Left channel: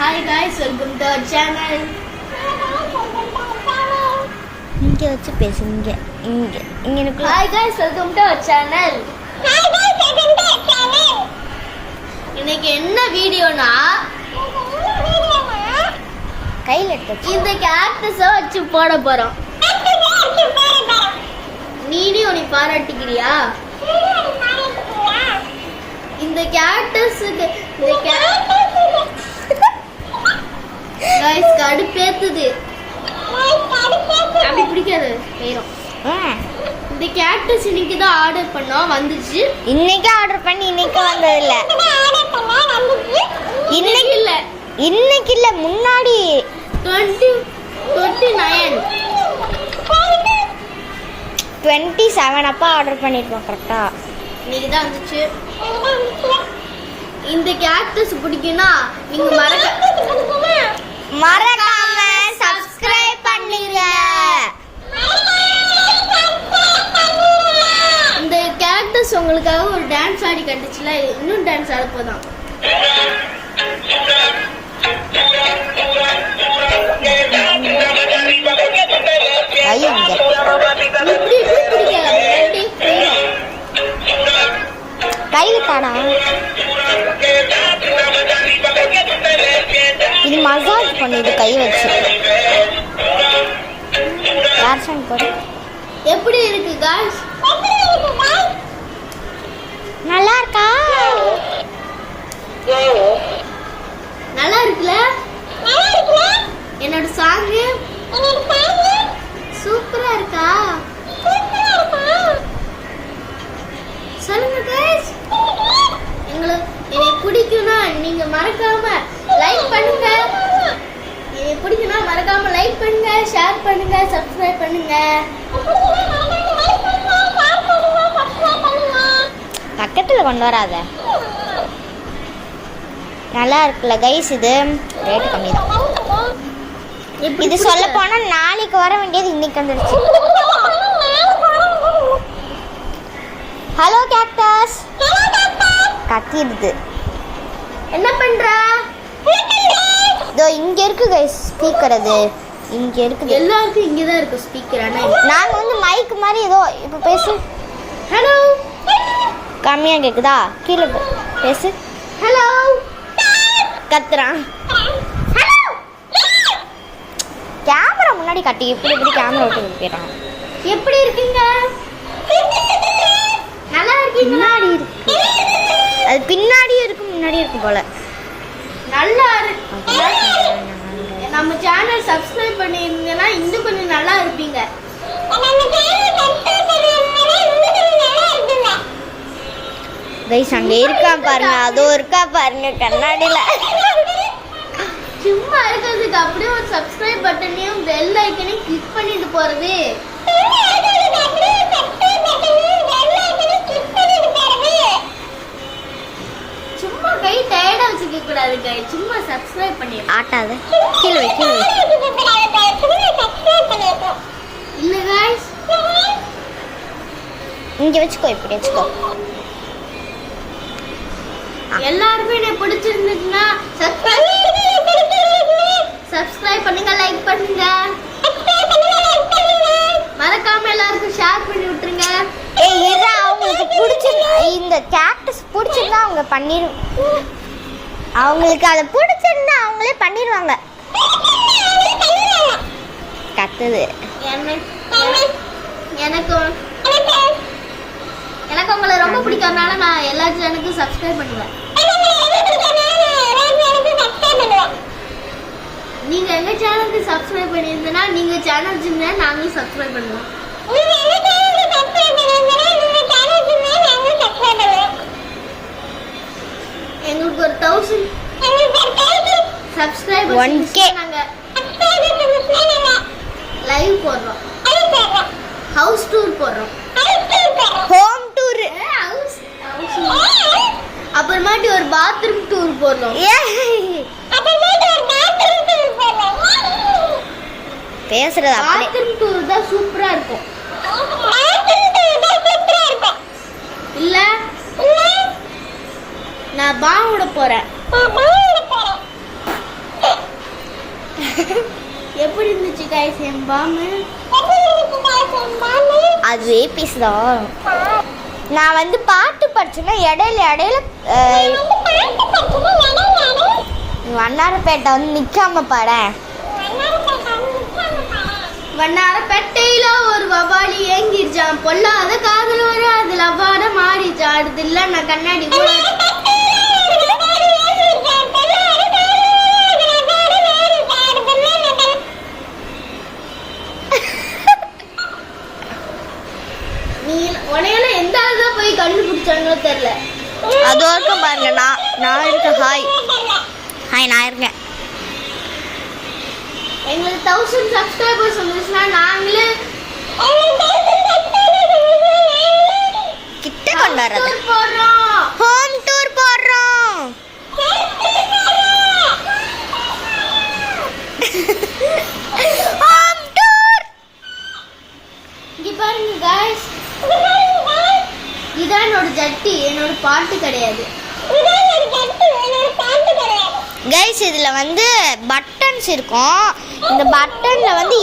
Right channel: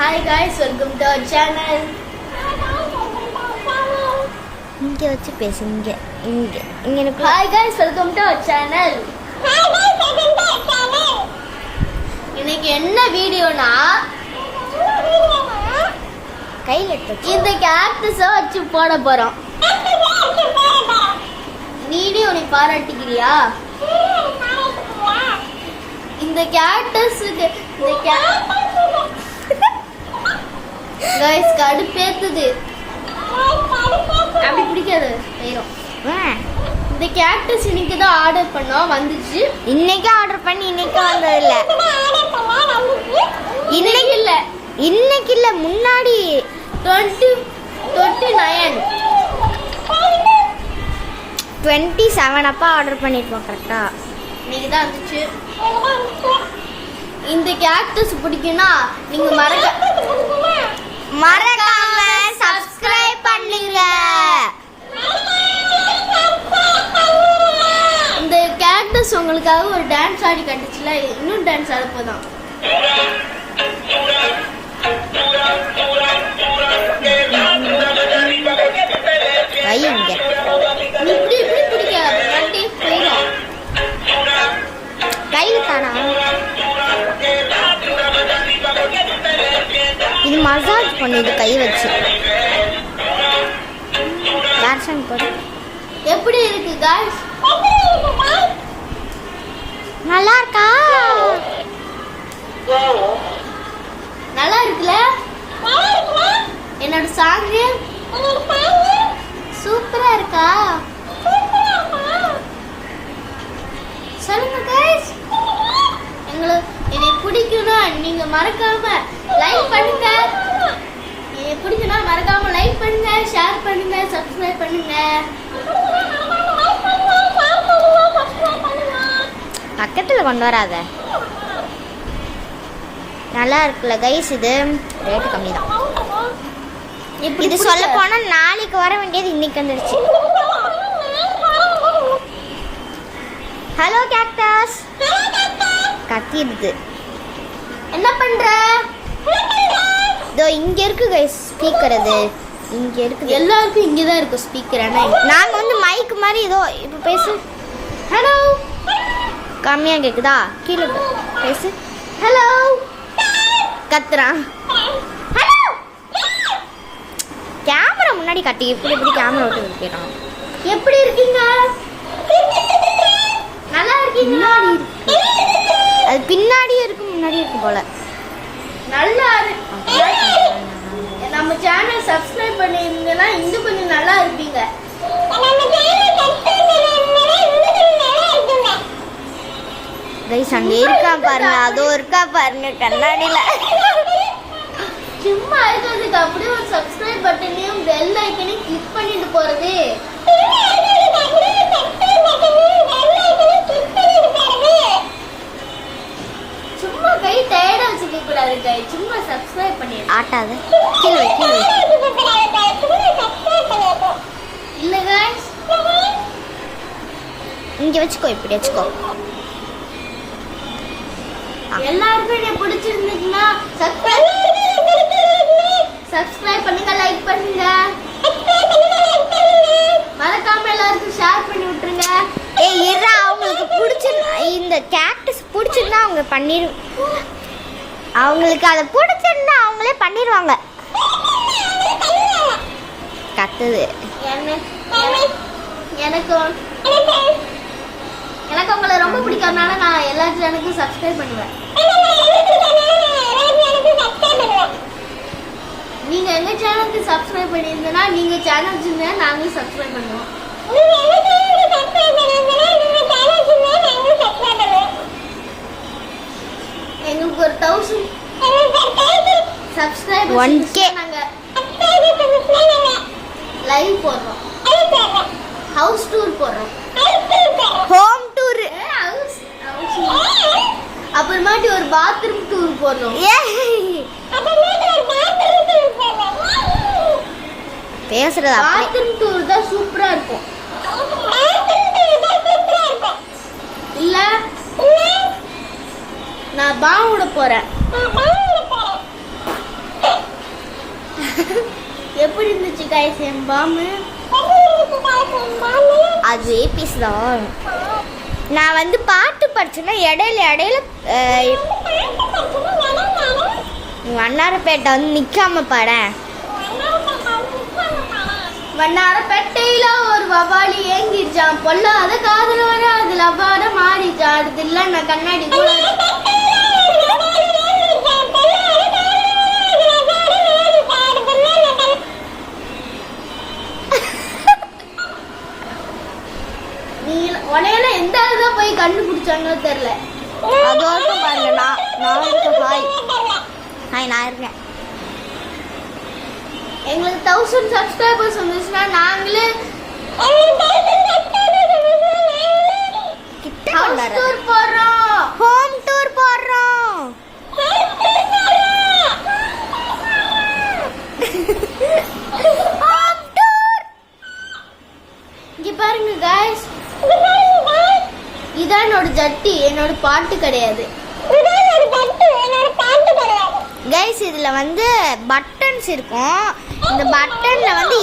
Hi guys, welcome to our channel. இங்க வச்சு பேசு இங்க இங்க இங்க எனக்கு Hi guys, welcome to our channel. இன்னைக்கு என்ன வீடியோனா கையில எடுத்து இந்த கேக்டஸ வச்சு போட போறோம். நீனே உன்னை பாராட்டுக்கிறியா? இந்த கேக்டஸுக்கு கைஸ் கடுப்பேத்துது. அப்படி பிடிக்காது வேணும். இந்த கேக்டஸ் இன்னைக்கு தான் ஆர்டர் பண்ணோம், வந்துச்சு. இன்னைக்கு ஆர்டர் பண்ணி இன்னைக்கு வந்தது இல்ல. இன்னைக்கு இல்ல, இன்னைக்கு இல்ல, முன்னாடி 27 அப்பா ஆர்டர் பண்ணிருப்போம் கரெக்டா. இன்னைக்கு தான் வந்துச்சு. இந்த கேக்டஸ் பிடிக்கும்னா நீங்க மறக்காம சப்ஸ்கிரைப் பண்ணுங்க. இந்த கேக்டஸ் உங்களுக்காக ஒரு டான்ஸ் ஆடி கண்டுச்சுல, இன்னும் டான்ஸ் ஆட போதான். கையில காணா. இது மசாஜ் பண்ணுது கை வச்சு. வேர்ஷன் போடு. எப்படி இருக்கு गाइस? நல்லா இருக்கா? நல்லா இருக்குல? என்னோட சாங் சூப்பரா இருக்கா? சொல்லுங்க गाइस. என்னை பிடிக்கும்னா நீங்க மறக்காம லைக் பண்ணுங்க. என்னை பிடிக்கும்னா மறக்காம லைக் பண்ணுங்க, ஷேர் பண்ணுங்க, சப்ஸ்கிரைப் பண்ணுங்க. பக்கத்துல கொண்டு வராத. நல்லா இருக்குல்ல கைஸ்? இது ரேட் கம்மி தான். இது சொல்ல போனா நாளைக்கு வர வேண்டியது இன்னைக்கு வந்துருச்சு. Hello cactus. கத்திடுது. என்ன பண்ற? இதோ இங்க இருக்கு கைஸ் ஸ்பீக்கர். அது இங்க இருக்குது. எல்லாருக்கும் இங்க தான் இருக்கு ஸ்பீக்கர். நாங்க வந்து மைக் மாதிரி ஏதோ இப்ப பேசு. ஹலோ. கம்மியா கேக்குதா? கீழே பேசு. ஹலோ. கத்துறான். ஹலோ. கேமரா முன்னாடி கட்டி இப்படி இப்படி கேமரா விட்டு போயிட்டான். எப்படி இருக்கீங்க? நல்லா இருக்கீங்க? முன்னாடி இருக்கு. அது பின்னாடியும் இருக்கு முன்னாடியும் இருக்கு போல. நல்லா இருக்கு. நம்ம சேனல் சப்ஸ்கிரைப் பண்ணிருந்தீங்கன்னா இன்னும் கொஞ்சம் நல்லா இருப்பீங்க. கைஸ் அங்க இருக்கா பாருங்க, அதோ இருக்கா பாருங்க கண்ணாடியில. சும்மா இருக்கிறதுக்கு அப்படியே ஒரு சப்ஸ்கிரைப் பட்டனையும் பெல் ஐக்கனையும் கிளிக் பண்ணிட்டு போறது. சும்மா கை டயர்டா வச்சுக்க கூடாது கை. சும்மா சப்ஸ்கிரைப் பண்ணி ஆட்டாத. கீழே கீழே இல்ல गाइस, இங்க வச்சுக்கோ. இப்படி வச்சுக்கோ. எல்லாருக்கும் என்ன பிடிச்சிருந்துச்சுன்னா சப்ஸ்கிரைப் பண்ணுங்க, லைக் பண்ணுங்க, மறக்காம எல்லாருக்கும் ஷேர் பண்ணி விட்டுருங்க. ஏய் இதா அவங்களுக்கு பிடிச்சிருந்தா, இந்த கேக்டஸ் பிடிச்சிருந்தா அவங்க பண்ணிரு. அவங்களுக்கு அதை பிடிச்சிருந்தா அவங்களே பண்ணிடுவாங்க. கத்துது. எனக்கு உங்களை ரொம்ப பிடிக்கிறதுனால நான் எல்லா சேனலுக்கும் சப்ஸ்கிரைப் பண்ணுவேன். நீங்க எங்க சேனலுக்கு சப்ஸ்கிரைப் பண்ணியிருந்தீங்கன்னா நீங்க சேனல் வச்சிருந்தா நாங்களும் சப்ஸ்கிரைப் பண்ணுவோம். எங்களுக்கு ஒரு 1000 சப்ஸ்கிரைபர்ஸ் 1K நாங்க லைவ் போடுறோம், ஹவுஸ் டூர் போடுறோம், ஹோம் டூர், அப்புறமாட்டி ஒரு பாத்ரூம் டூர் போடுறோம். பேசுறது அப்படியே. பாத்ரூம் டூர் தான் சூப்பரா இருக்கும். இல்ல நான் பாவோட போறேன். எப்படி இருந்துச்சு गाइस என் பாம்பு? அது பீஸ் தான். நான் வந்து பாட்டு படிச்சேன்னா இடையில வண்ணாரப்பேட்டை வந்து நிக்காம பாடேன். வண்ணாரப்பேட்டையில ஒரு வவாலி ஏங்கிருச்சான், பொல்லாத காதல் வர அது லவ்வாட மாறிச்சான். அடுத்து இல்ல நான் கண்ணாடி கூட நீ உனையில எந்த ஆளுதான் போய் கண்டுபிடிச்சாங்களோ தெரியல. அது வரைக்கும் பாருங்க. நான் இருக்கேன். ஹாய் நான் இருக்கேன். எங்களுக்கு 1000 சப்ஸ்கிரைபர்ஸ் வந்துச்சுன்னா நாங்களே கிட்ட கொண்டாடுறோம். டூர் போறோம். ஹோம் டூர் போறோம். Home tour. இங்க பாருங்க गाइस, இதான் என்னோட ஜட்டி, என்னோட பாட்டு கிடையாது. கைஸ் இதுல வந்து பட்டன்ஸ் இருக்கும். இந்த பட்டன்ல வந்து